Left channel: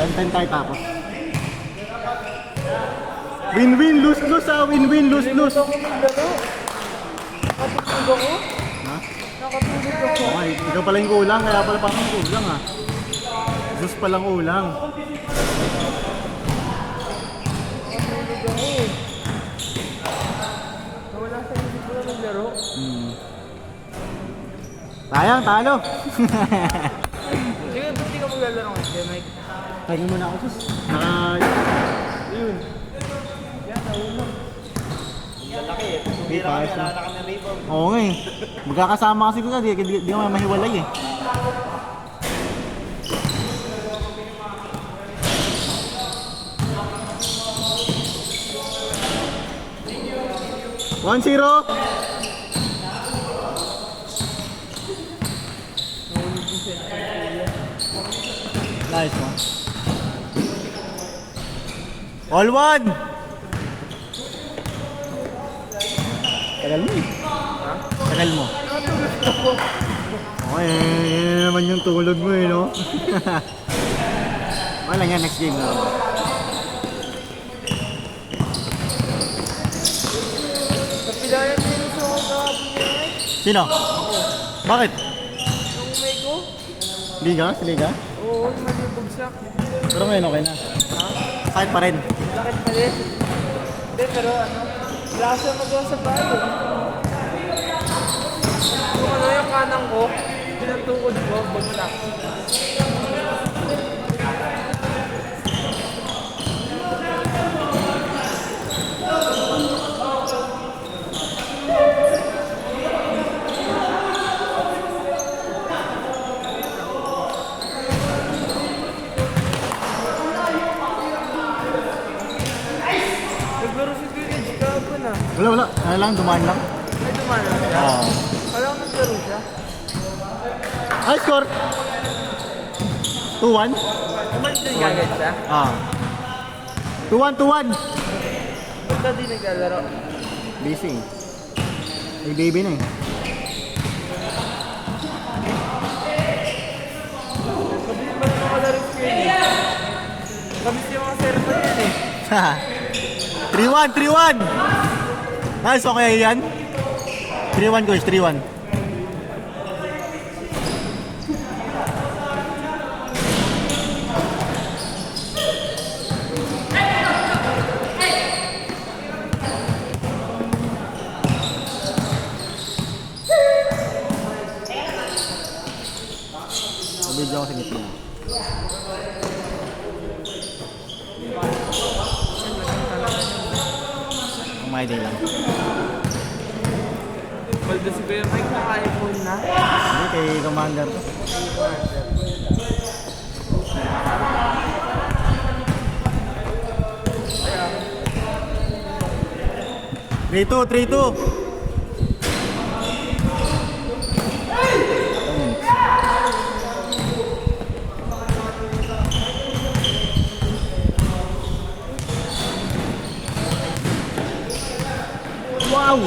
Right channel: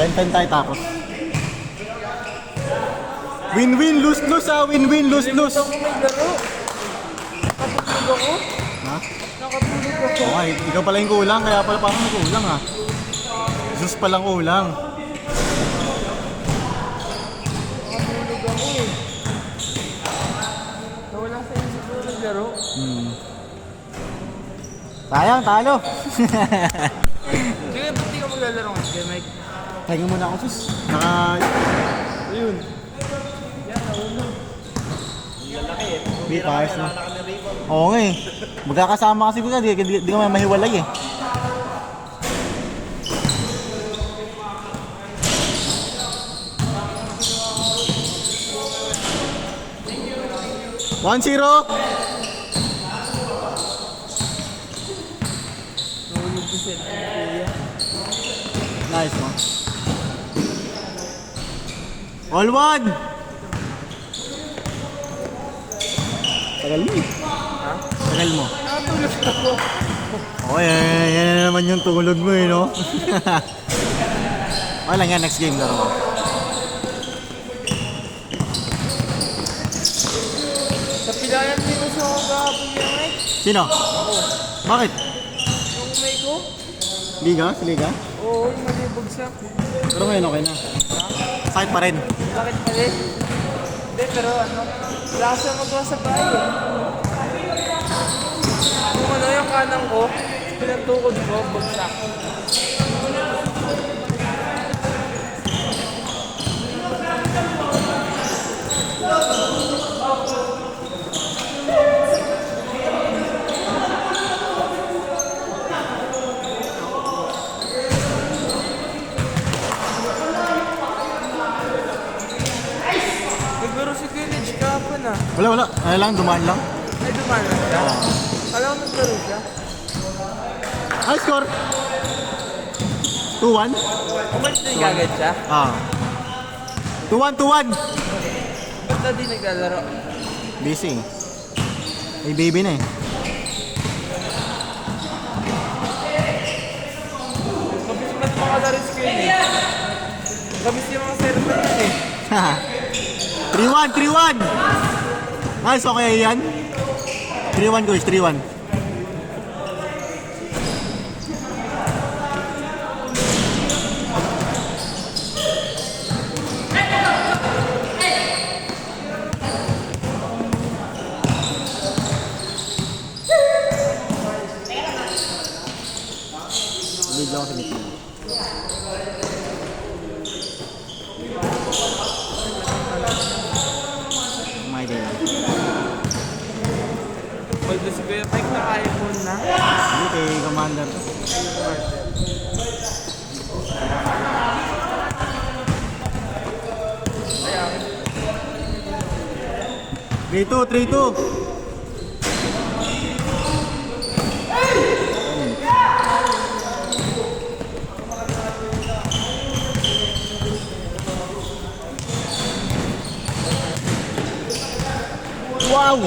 10-10 tayo tapos. Win-win, lose-lose ah. Win-win, lose-lose. Ay, ikaw pala yung kulang, kaya pala pa akong kulang ah. Zeus palang kulang. Sayang, talo. Sige, buti ko maglalaro ng kay Mike. Tingin muna ako, sus. Ayun. Lalaki eh. Hindi, Tumira kami, ayos na. wala na kami rebound. Oo nga eh. Magkakasama kasi kita, di ka mahiwalay eh. One zero. Nice one. All one. Tagal mo eh. Tagal mo. Oh, yan naman yung tulog mo eh, no? Wala nga, next game na. Sa pilayan din mo sa kahapon yun, Mike. Sino? Bakit? Yung may ko? Liga? Si Liga? Oo, yung malibagsak. Pero ngayon okay na. Sakit pa rin. Bakit pa rin? Hindi, pero ano, wala kasi ako doon sa pagkakas. Yung ano, yung kanang ko, pinantukod ko, bagsak. Nagbaro si Gilage kahapon ah. Wala. Ano lang, dumaan lang. Ay, dumana siya. Oo. Alam ko nagbaro siya. Ay, score! 2-1? Umalit na agad siya. Ah. 2-1. Ba't na di naglalaro? Busy. May baby na eh. Kabis yung mga sermon yan eh. 3-1. Nice, okay yan. 3-1 guys, 3-1. Video ako sa meeting. My day lang. Baldo si Kuya Mike naka-iPhone na. Hindi kay Commander. Kaya, 3-2. Wow!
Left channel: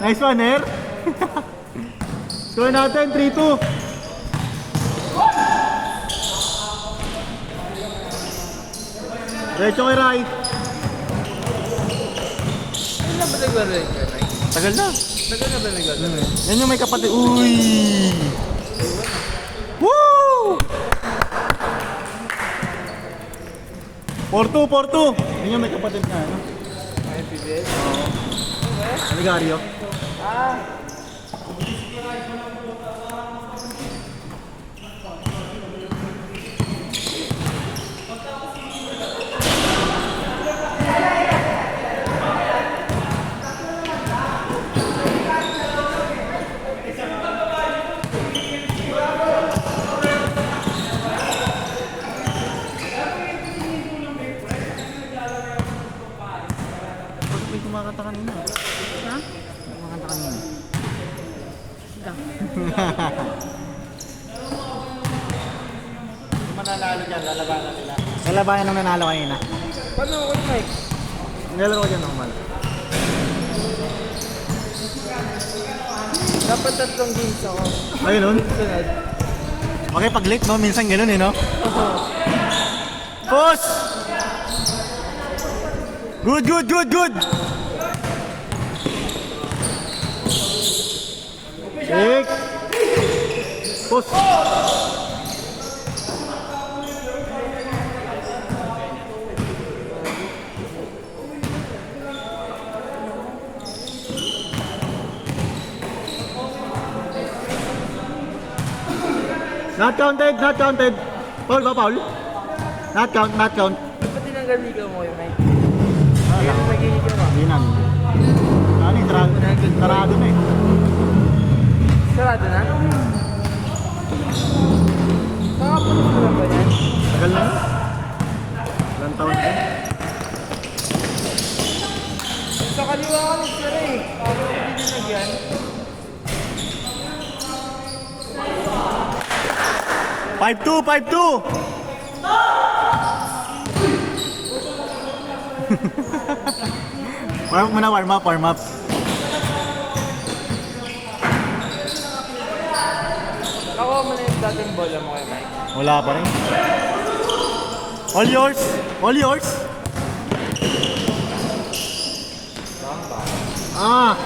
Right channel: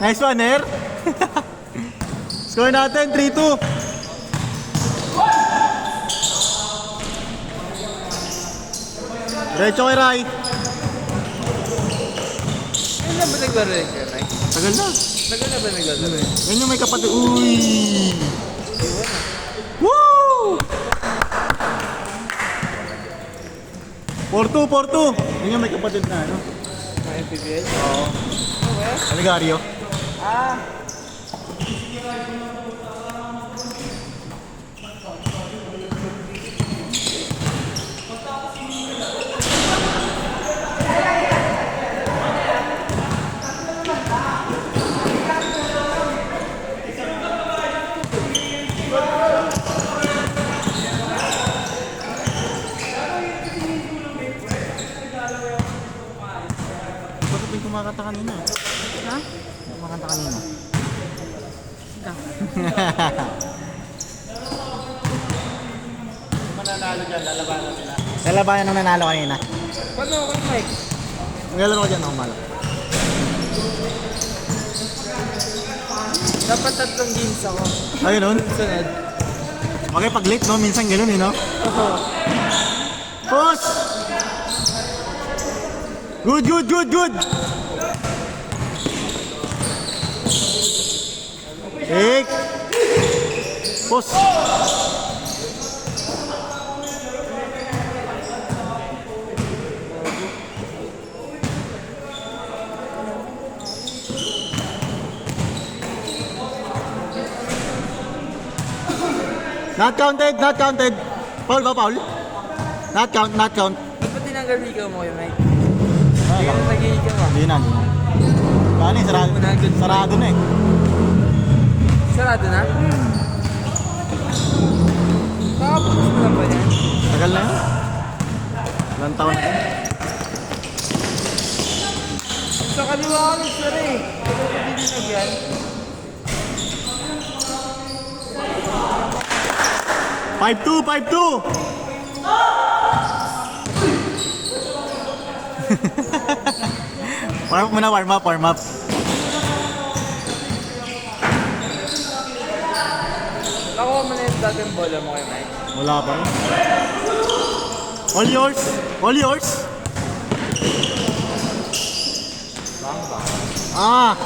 Nice one, Her. Score natin, 3-2. Diretso kay Rai. hindi na ba naglaro yun, Kuya Mike? Tagal na. Tagal na ba naglaro yun? Yan yung may kapatid. Uy! Woo! 4-2. Yan yung may kapatid na, ano? May PBS? Aligario. May kumakanta kanina eh. Ha? Kumakanta kanina. Kung mananalo dyan, lalabanan sila. Lalabayan na nanalo kanina. Paano Kuya Mike? Ngayon mo dyan naman. Dapat 3 games ako. Ayun nun. Sunod. Okay, pag late, no? Minsan gano'n, eh, no? Oo. Push! Good, good, good, good! Take! Push! Not counted, not counted. Foul ba, foul? Not count, not count. Dapat tinanggal ligaw mo yung mic. Kaya nang nag-iigaw mo. Hindi na. Kani, sarado, sarado na eh. Sarado na? Nakapos mo na ba yan? Tagal na. Ilang taon na. Sa kaliwa ka sir eh. Pero hindi na yan. Five two. Warm up muna, warm up. Nakuha mo na yung dating bola mo kay Mike. Wala pa rin. All yours. All yours. Ah.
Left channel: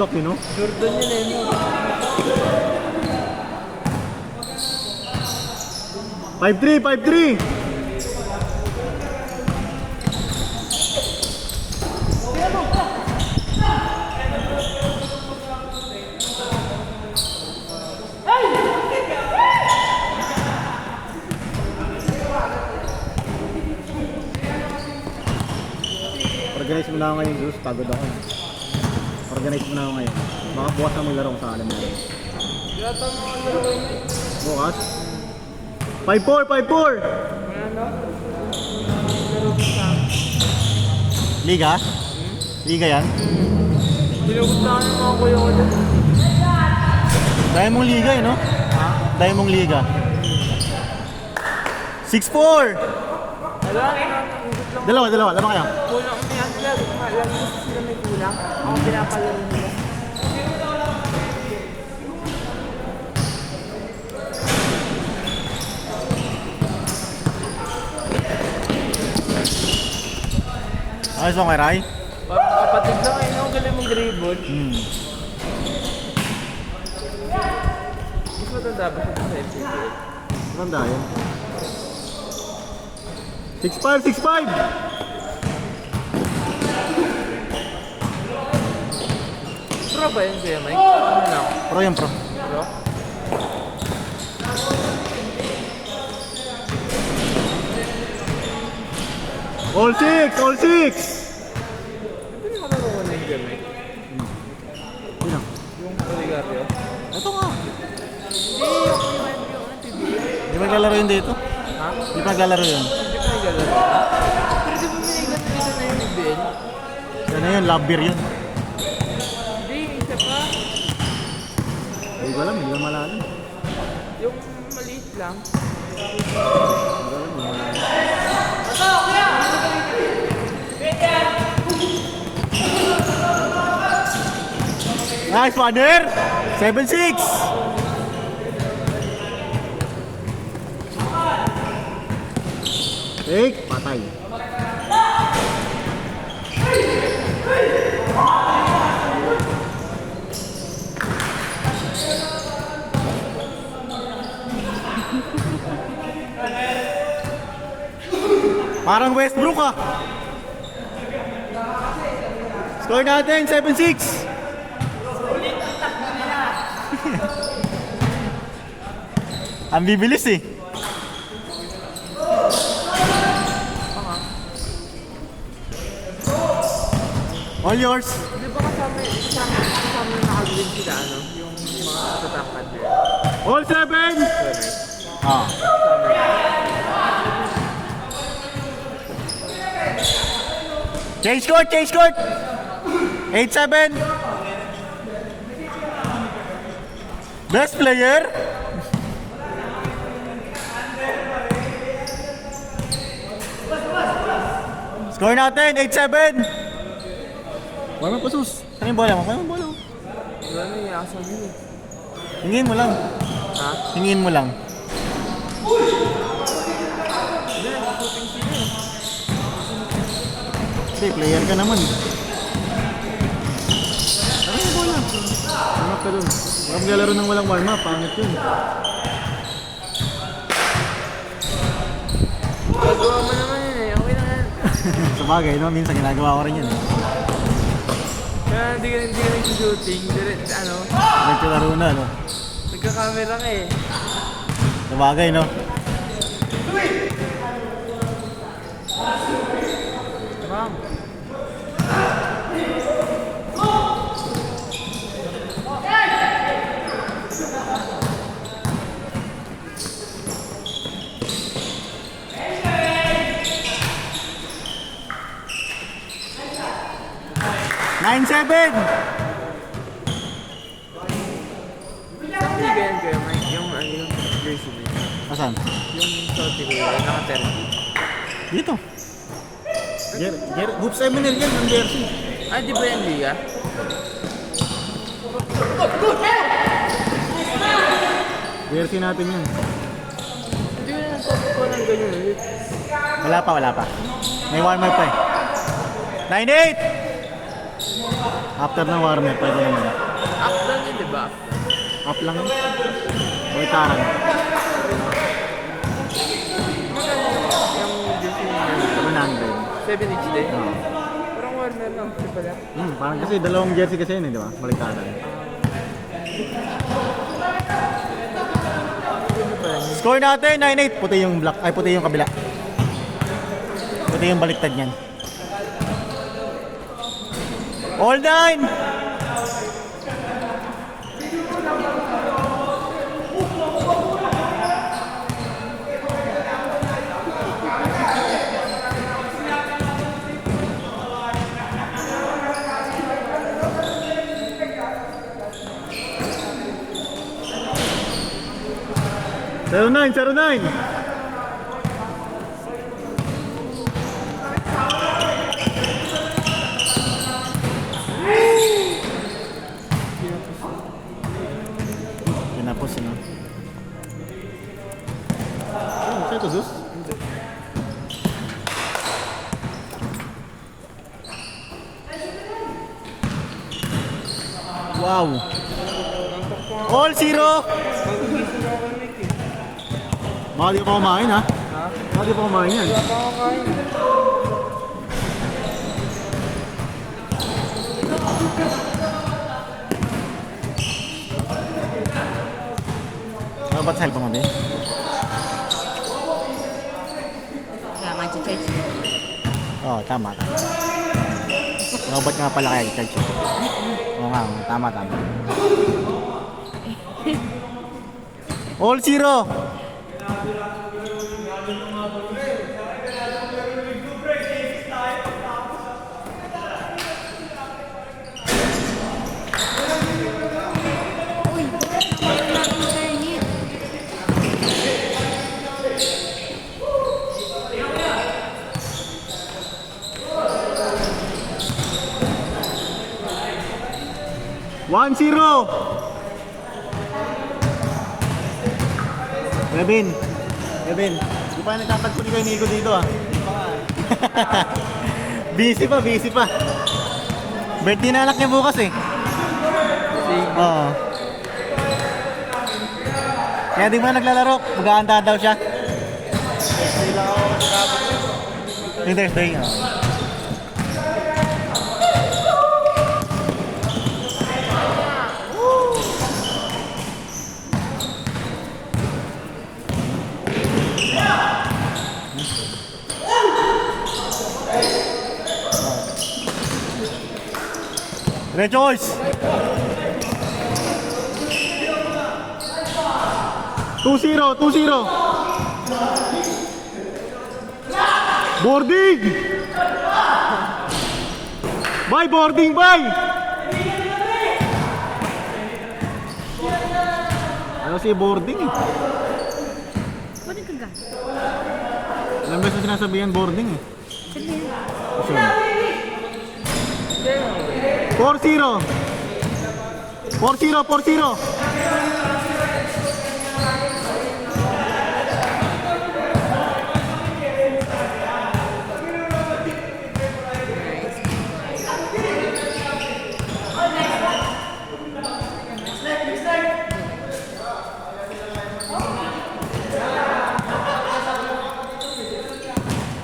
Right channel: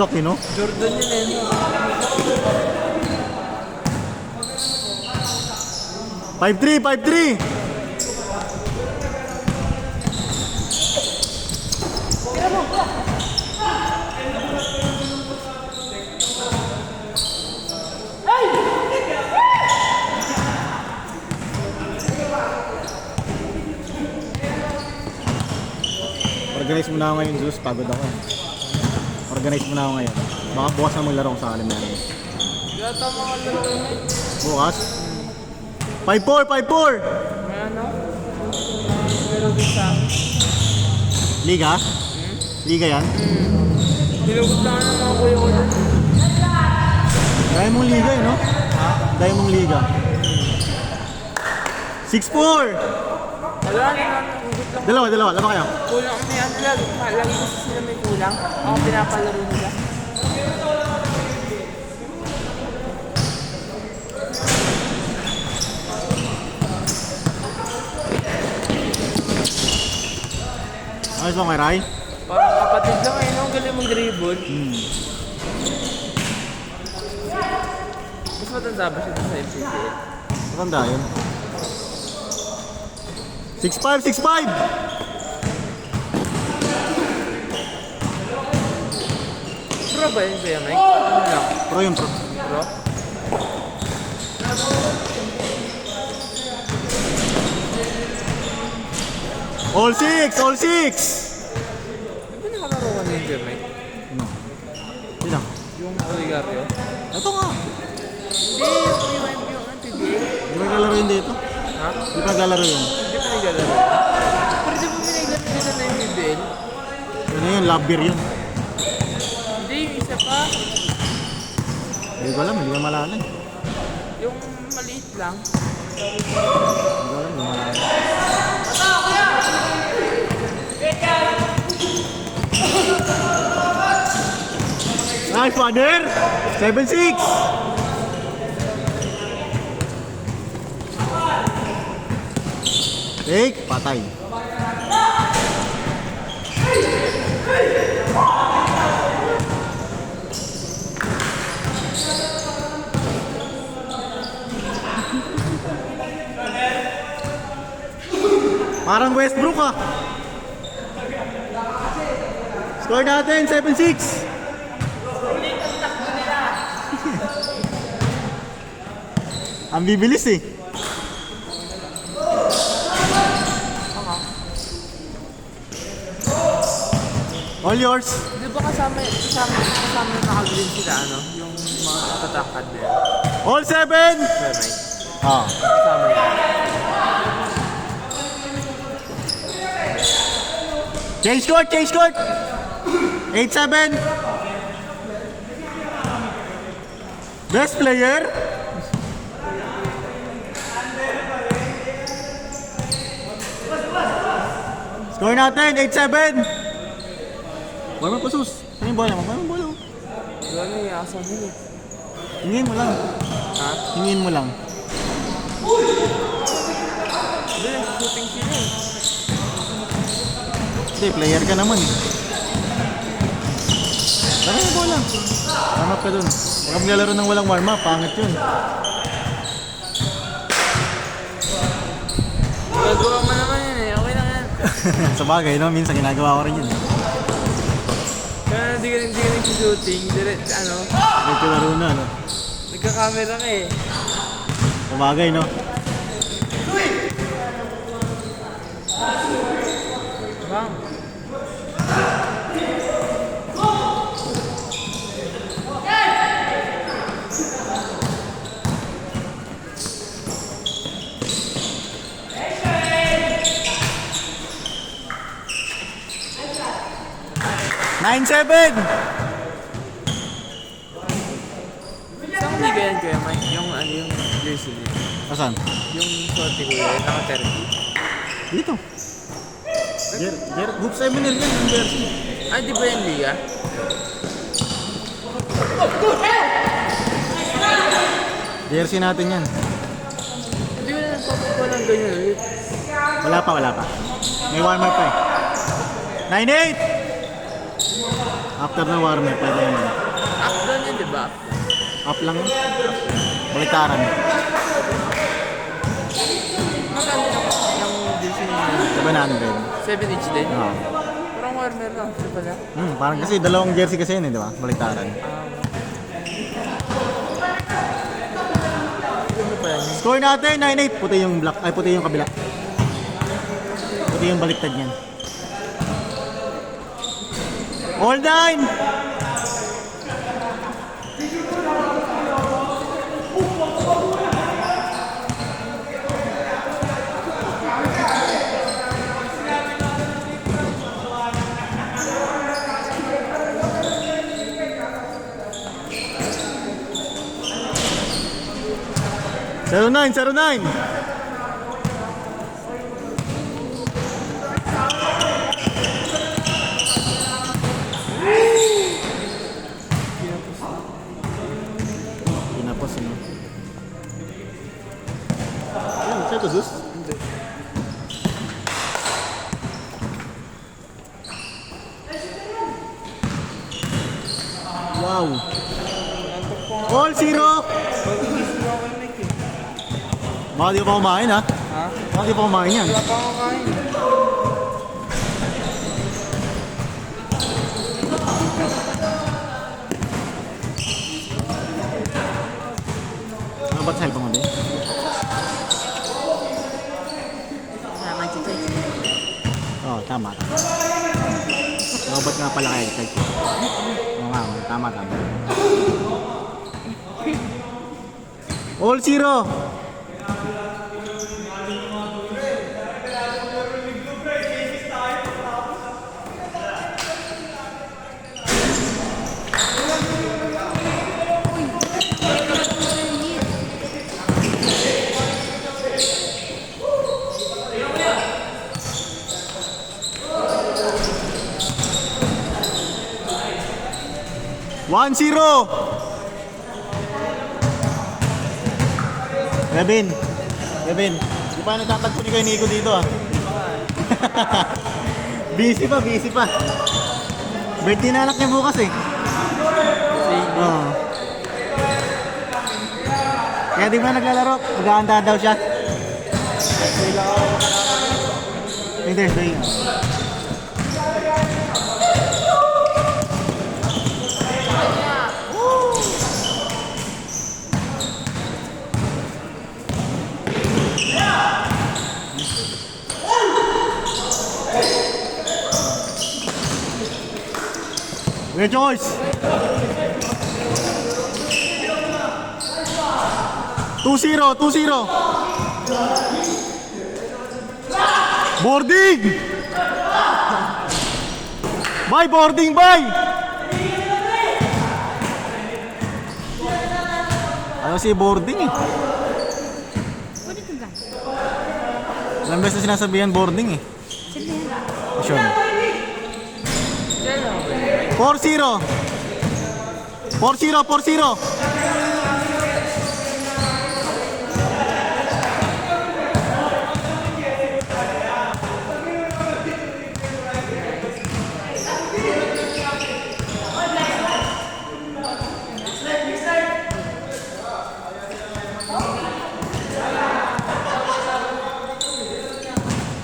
Dok, no? Jordan yun eh. 5-3. Organize mo na ako ngayon, Zeus. Pagod ako. Organize mo na ako ngayon. Baka bukas ang maglaro ko sa akin. Bukas? 5-4. Ano? Pero bisa. Liga? Liga yan? Hinugot na ka ng mga kuya ko dun. Dahil mong liga eh, no? Ha? Dahil mong liga. 6-4! Wala na. Hinugot lang. Dalawa kayo. Kulang na yan. Lagi kasi sila may kulang. Mga pinapalaro nila. Ayos mo kay Rai? Parang kapatid lang eh, no? Galing mong dribble. Mas matanda ba siya sa FCPL? Maganda yun. 6-5! Pro ba yun, Kuya Mike? Ano lang? Pro yun, pro. Pro? All six! Hindi na makalala mo yung Kuya Mike. Hindi lang. Yung Origario. Ito nga. Hindi, yung Kuya Mike yung PBA. Hindi pa naglalaro yun dito. Ha? Hindi pa naglalaro yun. Hindi pa naglalaro. Pero di ba may naglalaro na yung PBA? Ano yun? Love beer yun. Hindi, yung isa pa. Hindi ko alam. Hindi ko malala eh. Yung maliit lang. Nice, father! 7-6! Take, patay. Parang Westbrook ah. Score natin, 7-6. Ang bibilis eh. All yours. Di ba kasama yung nakagreen sila, ano? Yung mga tatakad din. All 7. Kuya Mike. Ah. Kasama yun. Change court. 8-7. Best player? Score natin, 8-7. Warm up pa sus. Saan yung bola mo? Saan yung bola mo? Wala na yung asa mo eh. Hingin mo lang. Ha? Hingin mo lang. Hindi, shooting sila eh. Hindi, player ka naman. Saan yung bola? Warm up ka dun. Huwag naglalaro ng walang warm up. Pangit yun. Gagawa mo naman yun eh. Okay lang yan. Sa bagay, no? Minsan ginagawa ko rin yun. Kaya hindi ka nag-shooting. Ano? Nagkularo na, no? Nagka-camera ka eh. Sa bagay, no? Bang. Nine, 7! Hindi ba yan Kuya Mike? Yung ano yung jersey dito? Asan? Yung shorty ko yun, naka-30. Dito. Hoops Eminel yan, yung jersey. Ah, di ba yan liga? Jersey natin yan. Hindi mo naman ko ng ganyan ulit. Wala pa. May warm up pa eh. 9-8! After na warm up, pwede naman. Up down yun, di ba? Up lang yun. Militaran. Yung jersey niya. 700. 7 inch din. Parang warmer lang. Di ba na? Parang kasi dalawang jersey kasi yun eh, di ba? Militaran. Ano pa yan? Score natin, 9-8. Puti yung black, ay puti yung kabila. Puti yung baliktad niyan. All 9! Zero nine. Pinapos mo. Ano, kaya to Zeus? Hindi. Wow! Nantok ko nga. All 0! Pag-igising ako kay Mike eh. Baka di pa kumain ha? Ha? Baka di pa kumain yan. Wala pa ako kain. Ano ba't sahil pa mabi? Kaya mag-charge. Oo, tama. Robot nga pala kaya charge. Oo nga, tama. All 0! One, 0! Kevin, di pa natatagpo ni kay Nico dito ah. busy pa. Birthday na anak niya bukas eh. Oo. Kaya di mo na naglalaro, mag-aanda daw siya. Yung Thursday. Red choice. 2-0. Boarding. Boarding. Kasi boarding eh. Kunin ka gan. Ilang beses na sinasabihan boarding eh. Sige yan. Asyon. 4-0. 4-0, 4-0.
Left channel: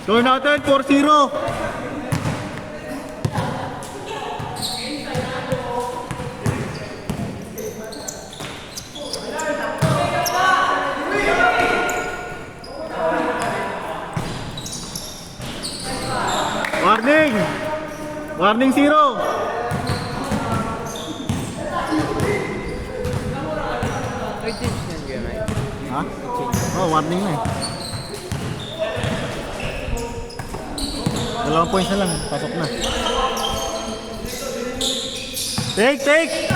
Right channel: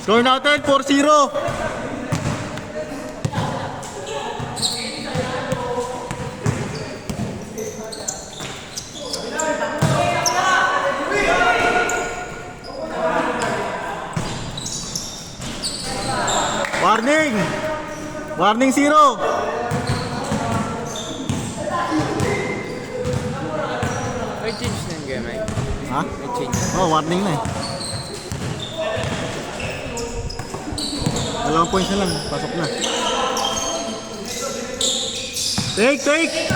Score natin, 4-0. Warning! Warning 0. May change na yung game, right? Ha? May change. Oh, warning na eh. 2 points na lang, pasok na. Take, take!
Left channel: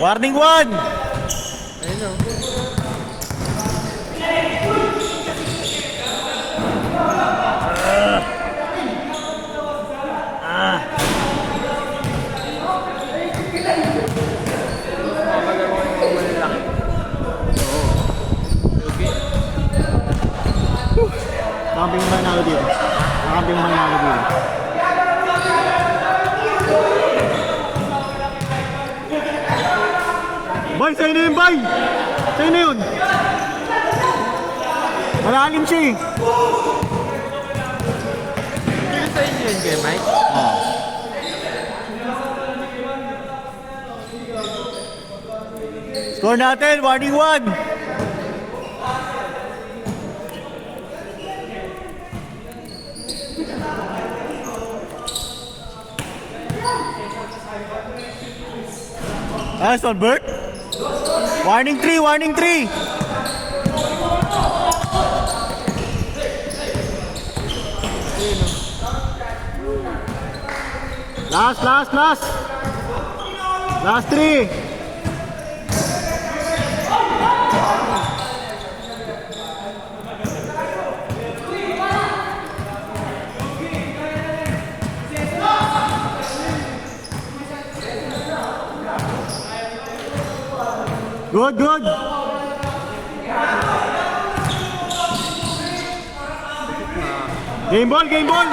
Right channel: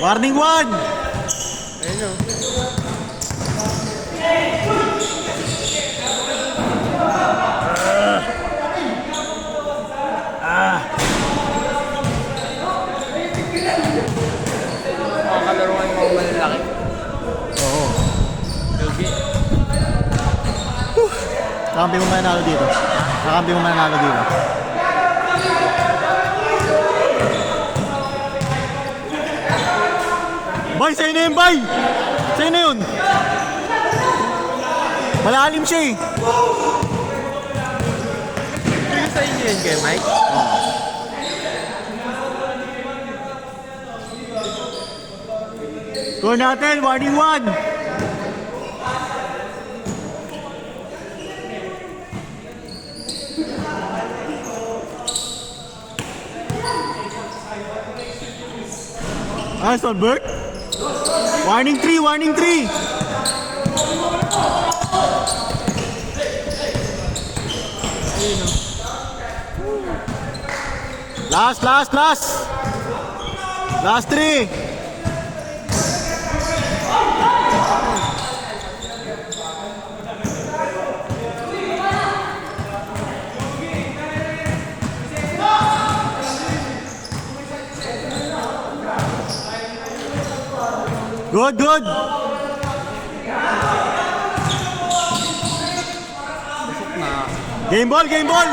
Warning 1! Ayun o. Makalaro ng mga malalaki. Okay. Kampi mo manalo dito. Kampi mo manalo dito. Bay, sa'yo na yun, bay! Sa'yo na yun! Malalim siya eh. Pero sa inyo yun kayo, Mike? Score natin, warning 1! Nice one, Bert. Warning 3, warning 3. Last, last, last. Last 3. Good, good. Game ball, game ball.